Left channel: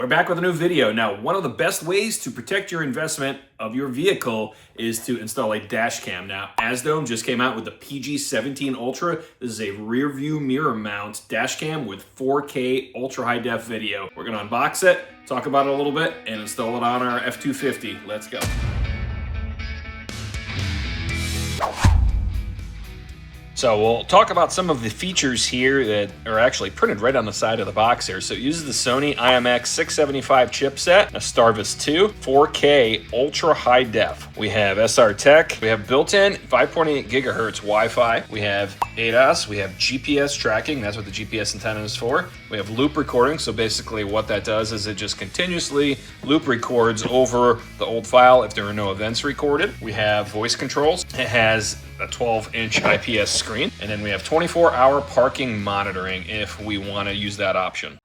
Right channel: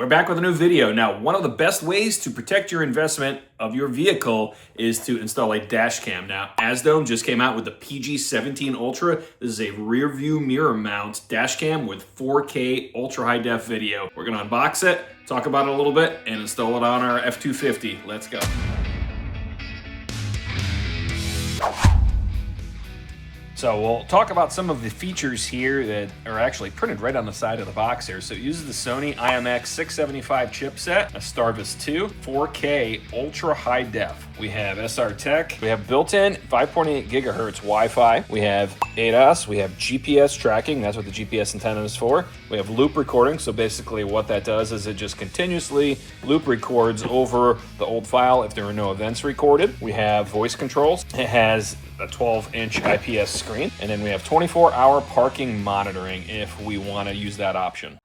We're back with a new video. Now, one of the best ways to protect your investment of your vehicle is to install a dash cam. Now, AZDOME just came out with the PG17 Ultra. This is a rear view mirror mount dash cam with 4K ultra high def video. We're gonna unbox it, talk about it a little bit, and install it on our F-250. Let's go. So we'll talk about some of the features here that are actually printed right on the side of the box here. So it uses the Sony IMX675 chipset, a Starvis 2, 4K ultra high def. We have SR Tech. We have built-in 5.8 gigahertz Wi-Fi. We have ADAS. We have GPS tracking. That's what the GPS antenna is for. We have loop recording. So basically what that does is it just continuously loop records over the old file if there are no events recorded. We have voice controls. It has a 12-inch IPS screen, and then we have 24-hour parking monitoring if we want to use that option.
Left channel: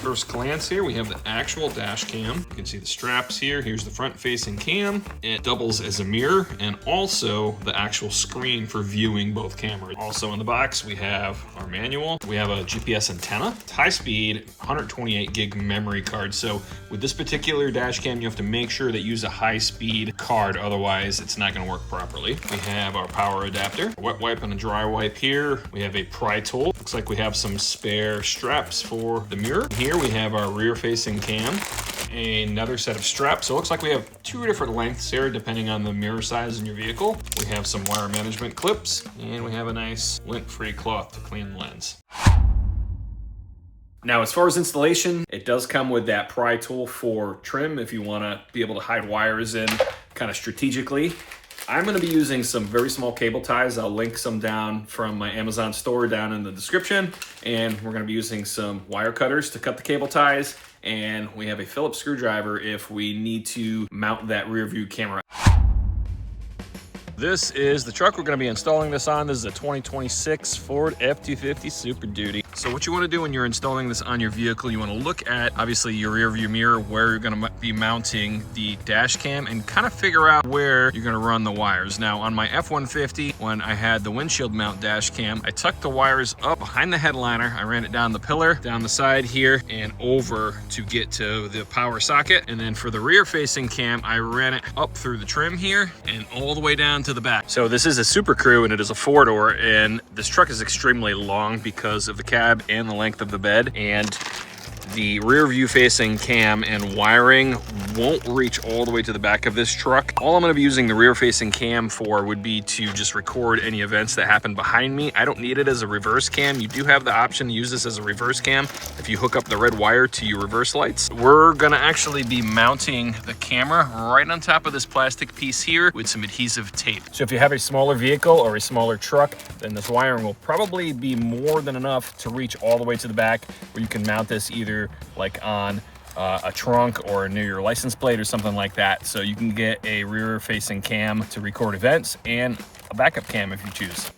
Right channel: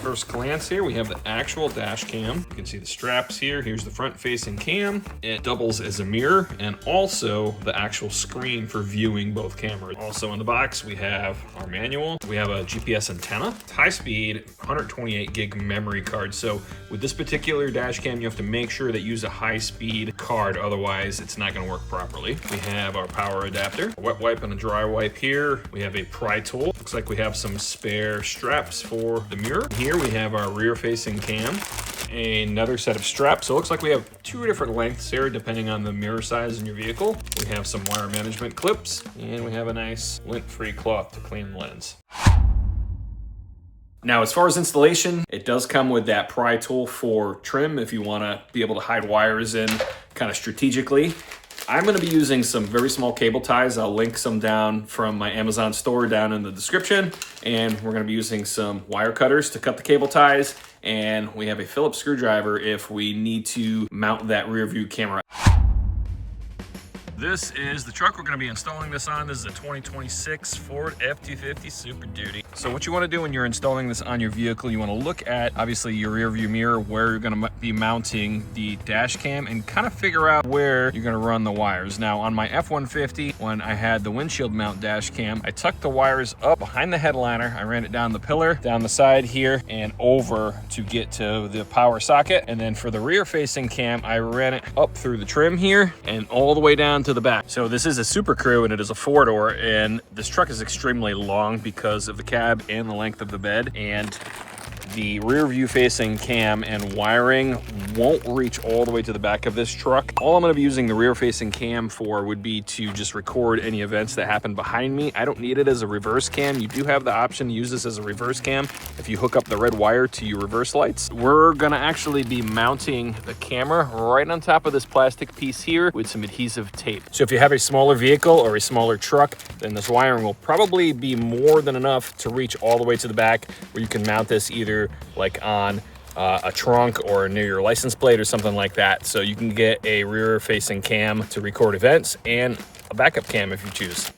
First glance here, we have the actual dash cam. You can see the straps here. Here's the front-facing cam. It doubles as a mirror and also the actual screen for viewing both cameras. Also in the box, we have our manual. We have a GPS antenna, high-speed 128 gig memory card. So with this particular dash cam, you have to make sure that you use a high-speed card, otherwise it's not going to work properly. We have our power adapter, a wet wipe and a dry wipe here. We have a pry tool. Looks like we have some spare straps for the mirror. Here we have our rear-facing cam, another set of straps. So it looks like we have two different lengths here depending on the mirror size in your vehicle. We have some wire management clips, and we have a nice lint-free cloth to clean the lens. Now, as far as installation, it does come with that pry tool for trim if you want to be able to hide wires in kind of strategically. I'm going to be using some very small cable ties. I'll link some down from my Amazon store down in the description. And we're going to be using some wire cutters to cut the cable ties. And we have a Phillips screwdriver if we need to mount that rear view camera. This is the truck we're going to be installing this on. This is a 2026 Ford F-250 Super Duty. So what you want to do when you're installing this on your vehicle, you want to look at obviously your rear view mirror, where you're going to be mounting the dash cam, and kind of figure out where you're going to run the wires. Now on my F-150, when I had the windshield mount dash cam, I tucked the wires up behind the headliner. I ran it down the pillar, down the side here, and over to get to the power socket. And then for the rear facing cam, I ran it up through the trim here and all the way down to the back. So this is a Super Crew and it is a 4-door, and this truck is extremely long because of the cab and the length of the bed, and the rear view facing cam and wiring won't reach all the way to the back of this truck. All I'm going to be using the rear facing cam for would be to just record any events that happen behind me. I don't need it as a reverse cam. You do have the option to use this as a reverse cam if you hook up the red wire to your reverse lights. We're going to actually be mounting the camera right on top of this plastic piece here with some adhesive tape. So if you have a smaller vehicle or a smaller truck, then this wiring will probably be more than enough to reach all the way to the back, where you can mount this either like on a trunk or near your license plate or something like that. So you can get a rear facing cam to record events and a backup cam if you choose.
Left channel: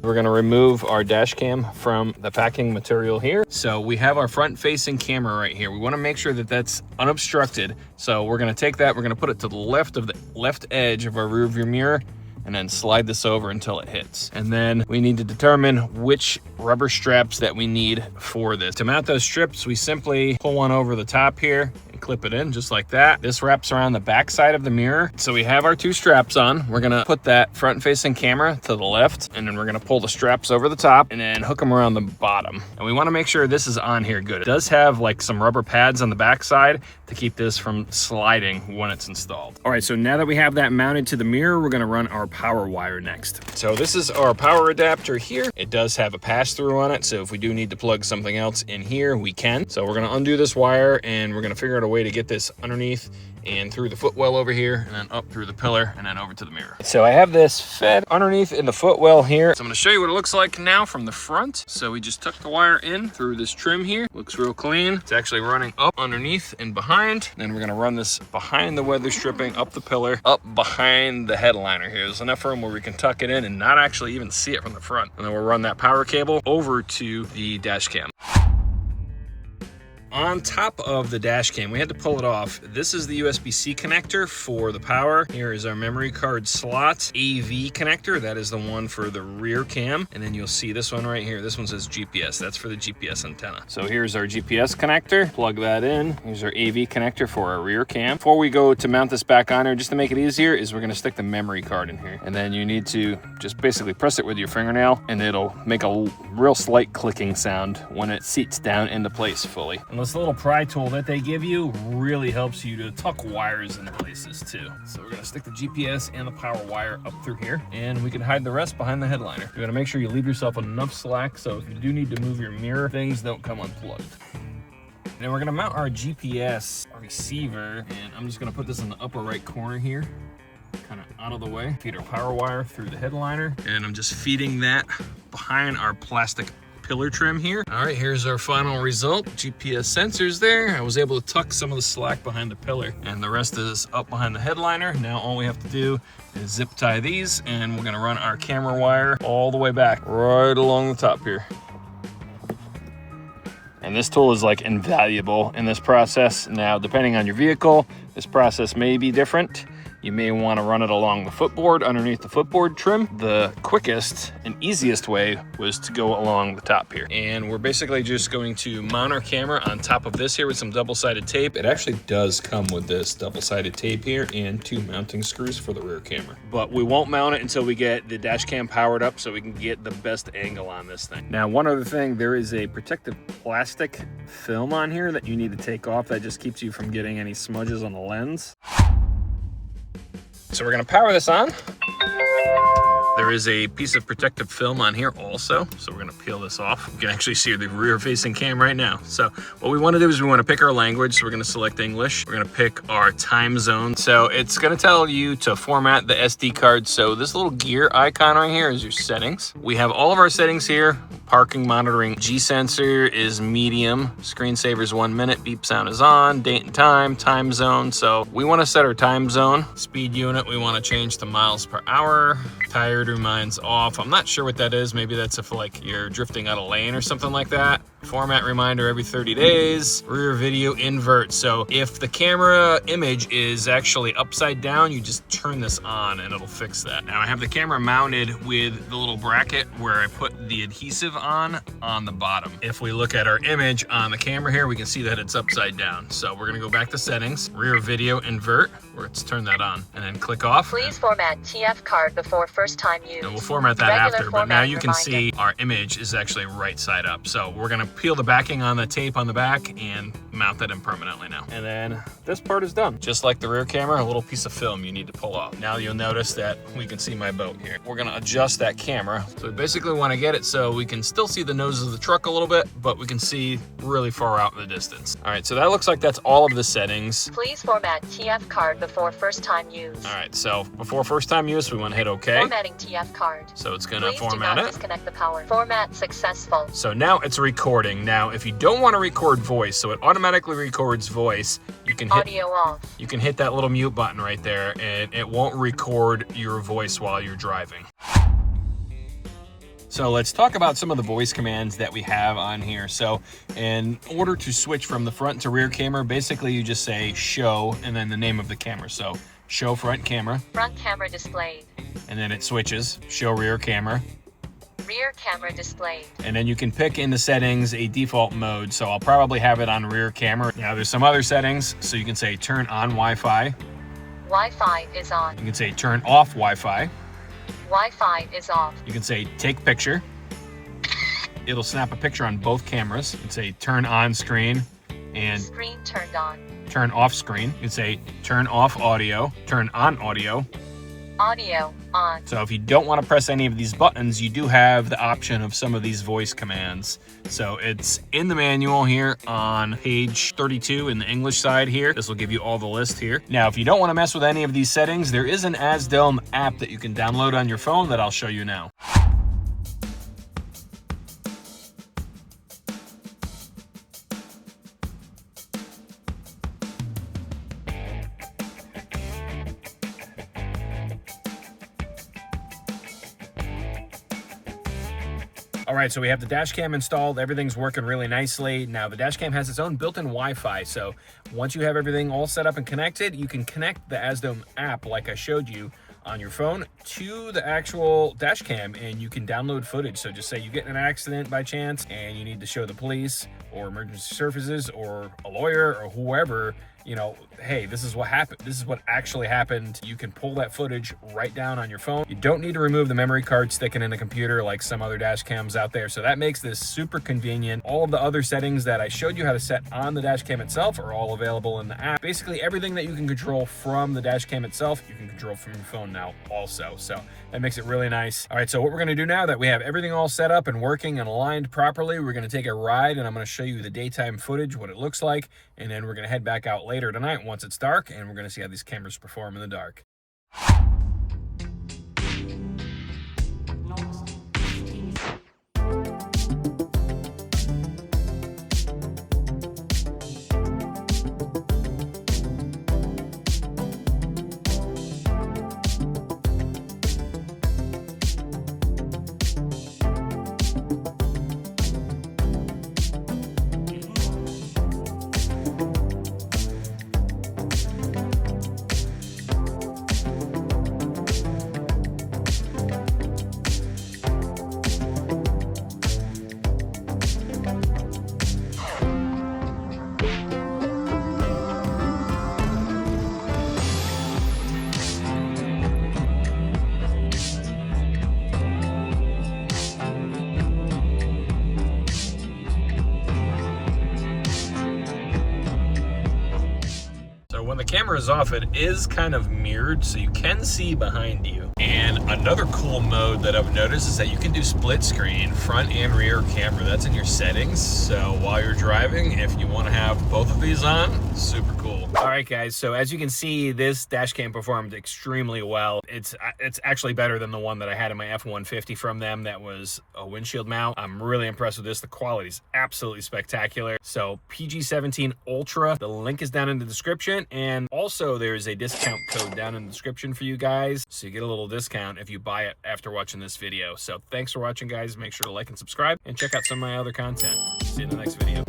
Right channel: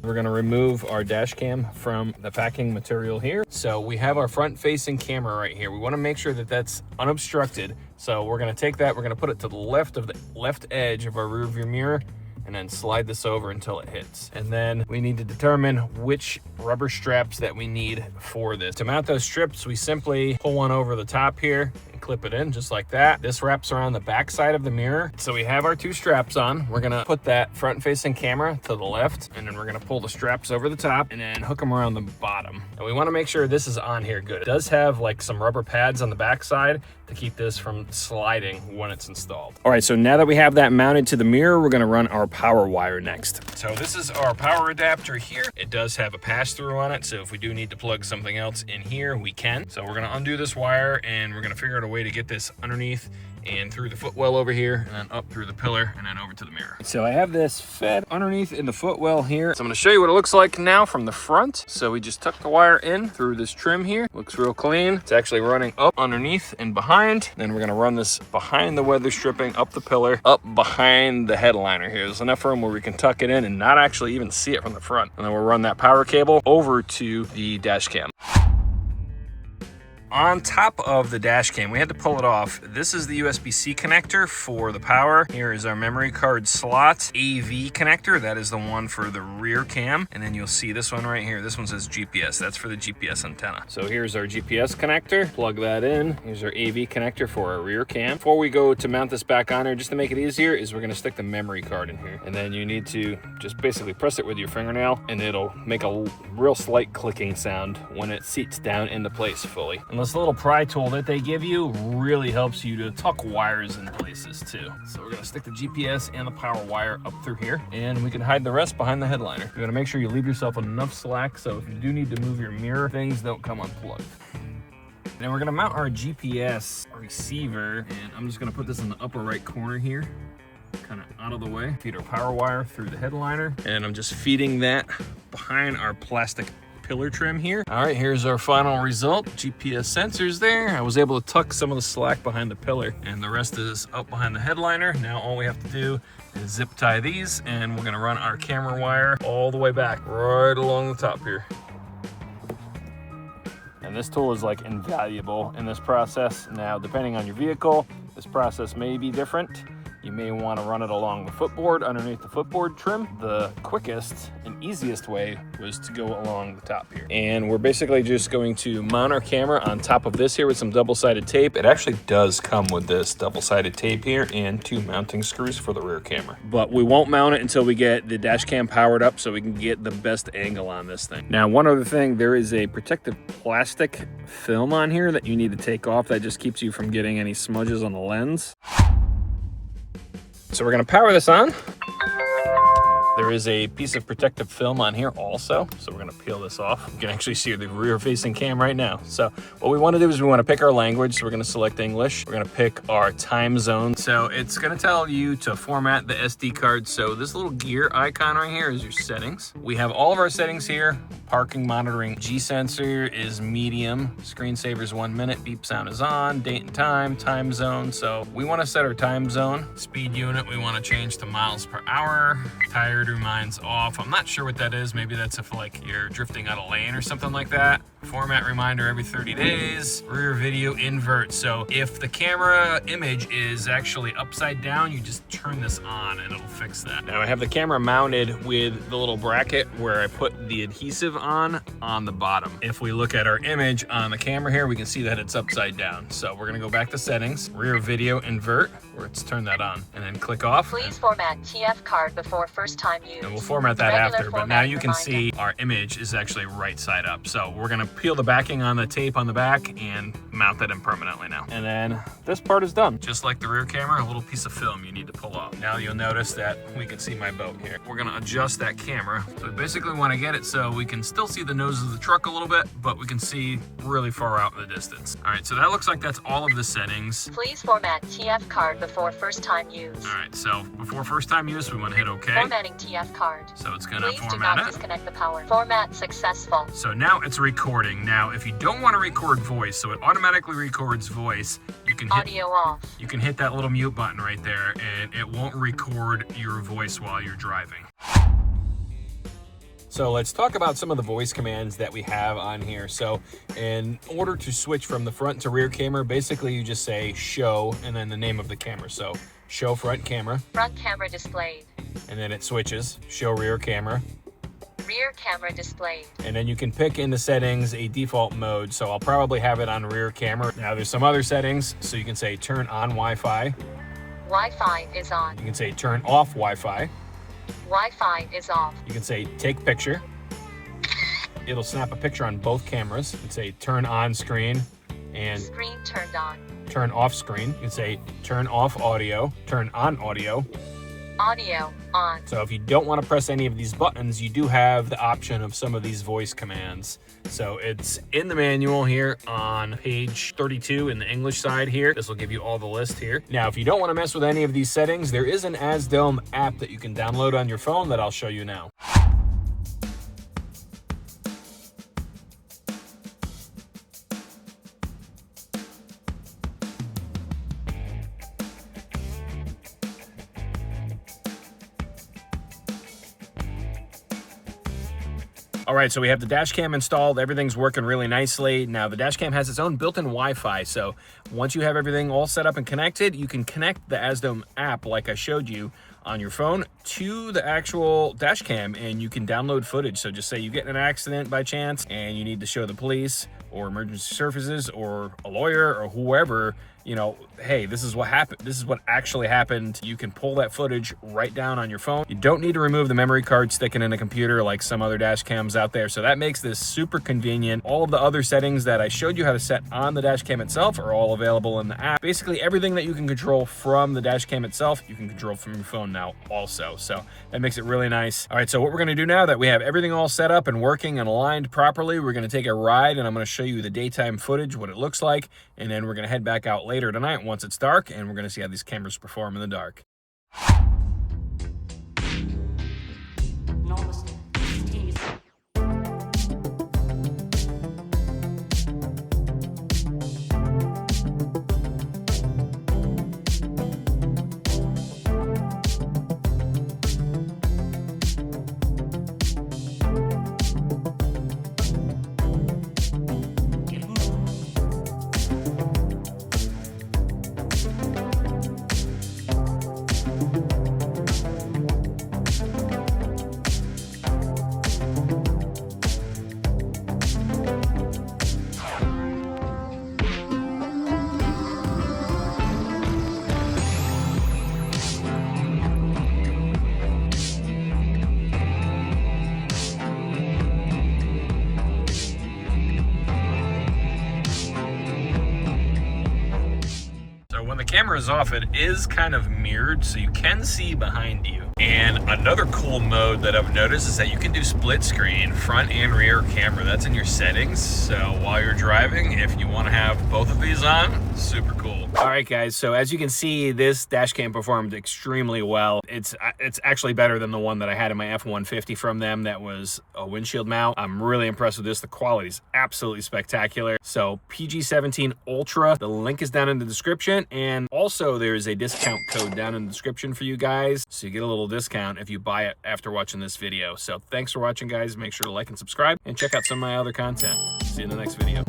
We're going to remove our dash cam from the packing material here. So we have our front facing camera right here. We want to make sure that that's unobstructed. So we're going to take that, we're going to put it to the left of the left edge of our rear view mirror, and then slide this over until it hits. And then we need to determine which rubber straps that we need for this. To mount those strips, we simply pull one over the top here and clip it in just like that. This wraps around the back side of the mirror. So we have our two straps on. We're gonna put that front facing camera to the left, and then we're gonna pull the straps over the top and then hook them around the bottom. And we wanna make sure this is on here good. It does have like some rubber pads on the back side to keep this from sliding when it's installed. All right, so now that we have that mounted to the mirror, we're gonna run our power wire next. So this is our power adapter here. It does have a pass-through on it, so if we do need to plug something else in here, we can. So we're gonna undo this wire, and we're gonna figure out a way to get this underneath and through the footwell over here, and then up through the pillar, and then over to the mirror. So I have this fed underneath in the footwell here. So I'm gonna show you what it looks like now from the front. So we just tuck the wire in through this trim here. Looks real clean. It's actually running up underneath and behind. Then we're gonna run this behind the weather stripping, up the pillar, up behind the headliner here. There's enough room where we can tuck it in and not actually even see it from the front. And then we'll run that power cable over to the dash cam. on top of the dash cam, we had to pull it off. This is the USB-C connector for the power. Here is our memory card slot. AV connector, that is the one for the rear cam. And then you'll see this one right here. This one says GPS. That's for the GPS antenna. So here's our GPS connector. Plug that in. Here's our AV connector for our rear cam. Before we go to mount this back on here, just to make it easier, is we're gonna stick the memory card in here. And then you need to just basically press it with your fingernail, and it'll make a real slight clicking sound when it seats down into place fully. And this little pry tool that they give you really helps you to tuck wires in places too. So we're gonna stick the GPS and the power wire up through here, and we can hide the rest behind the headliner. You gotta make sure you leave yourself enough slack so if you do need to move your mirror, things don't come unplugged. Now we're gonna mount our GPS receiver, and I'm just gonna put this in the upper right corner here, kind of out of the way. Feed our power wire through the headliner, and I'm just feeding that behind our plastic pillar trim here. All right, here's our final result. GPS sensors there. I was able to tuck some of the slack behind the pillar, and the rest is up behind the headliner. Now all we have to do is zip tie these, and we're gonna run our camera wire all the way back, right along the top here. And this tool is like invaluable in this process. Now, depending on your vehicle, this process may be different. You may want to run it along the footboard, underneath the footboard trim. The quickest and easiest way was to go along the top here. And we're basically just going to mount our camera on top of this here with some double-sided tape. It actually does come with this double-sided tape here and 2 mounting screws for the rear camera. But we won't mount it until we get the dash cam powered up so we can get the best angle on this thing. Now, one other thing, there is a protective plastic film on here that you need to take off. That just keeps you from getting any smudges on the lens. So we're gonna power this on. There is a piece of protective film on here also, so we're gonna peel this off. You can actually see the rear-facing cam right now. So what we wanna do is we wanna pick our language, so we're gonna select English. We're gonna pick our time zone. So it's gonna tell you to format the SD card. So this little gear icon right here is your settings. We have all of our settings here. Parking monitoring, G sensor is medium, screensaver is 1 minute, beep sound is on, date and time zone. So we wanna set our time zone. Speed unit, we wanna change to miles per hour. Tire reminds off. I'm not sure what that is. Maybe that's if like you're drifting out of lane or something like that. Format reminder every 30 days. Rear video invert. So if the camera image is actually upside down, you just turn this on and it'll fix that. Now I have the camera mounted with the little bracket where I put the adhesive on the bottom. If we look at our image on the camera here, we can see that it's upside down. So we're gonna go back to settings, rear video invert. Let's turn that on and then click off. Please format TF card before first time use. And we'll format that after, but now you can see our image is actually right side up. So we're gonna peel the backing on the tape on the back and mount that in permanently now. And then this part is done. Just like the rear camera, a little piece of film you need to pull off. Now you'll notice that we can see my boat here. We're gonna adjust that camera. So we basically wanna get it so we can still see the nose of the truck a little bit, but we can see really far out in the distance. All right, so that looks like that's all of the settings. Please format TF card before first time use. All right, so before first time use, we wanna hit okay. Formatting TF card. So it's gonna Please format do it. not disconnect the power. Format successful. So now it's recording. Now, if you don't want to record voice, so it automatically records voice, you can hit Audio off. You can hit that little mute button right there, and it won't record your voice while you're driving. So let's talk about some of the voice commands that we have on here. So in order to switch from the front to rear camera, basically you just say show and then the name of the camera. So show front camera. Front camera displayed. And then it switches, show rear camera. Rear camera displayed. And then you can pick in the settings a default mode. So I'll probably have it on rear camera. Now there's some other settings. So you can say turn on Wi-Fi. Wi-Fi is on. You can say turn off Wi-Fi. Wi-Fi is off. You can say take picture. It'll snap a picture on both cameras. You can say turn on screen and screen turned on. Turn off screen. You can say turn off audio, turn on audio. Audio on. So if you don't want to press any of these buttons, you do have the option of some of these voice commands. So it's in the manual here on page 32 in the English side here. This will give you all the list here. Now, if you don't want to mess with any of these settings, there is an AZDOME app that you can download on your phone that I'll show you now. All right, so we have the dash cam installed. Everything's working really nicely. Now the dash cam has its own built-in Wi-Fi. So once you have everything all set up and connected, you can connect the AZDOME app like I showed you on your phone to the actual dash cam, and you can download footage. So just say you get in an accident by chance and you need to show the police or emergency services or a lawyer or whoever, you know, hey, this is what happened. This is what actually happened. You can pull that footage right down on your phone. You don't need to remove the memory card sticking in a computer like some other dash cams out there. So that makes this super convenient. All of the other settings that I showed you how to set on the dash cam itself are all available in the app. Basically everything that you can control from the dash cam itself, you can control from your phone now also. So that makes it really nice. All right, so what we're gonna do now that we have everything all set up and working and aligned properly, we're gonna take a ride and I'm gonna show you the daytime footage, what it looks like, and then we're gonna head back out later tonight once it's dark, and we're gonna see how these cameras perform in the dark. When the camera is off, it is kind of mirrored, so you can see behind you. And another cool mode that I've noticed is that you can do split screen, front and rear camera. That's in your settings. So while you're driving, if you want to have both of these on, super cool. All right, guys. So as you can see, this dash cam performed extremely well. It's actually better than the one that I had in my F-150 from them. That was a windshield mount. I'm really impressed with this. The quality is absolutely spectacular. So PG17 Ultra. The link is down in the description. And also there's a discount code down in the description for you guys. So you get a little discount if you buy it after watching this video. So thanks for watching, guys. Make sure to like and subscribe and check out some of my other content. See you in the next video.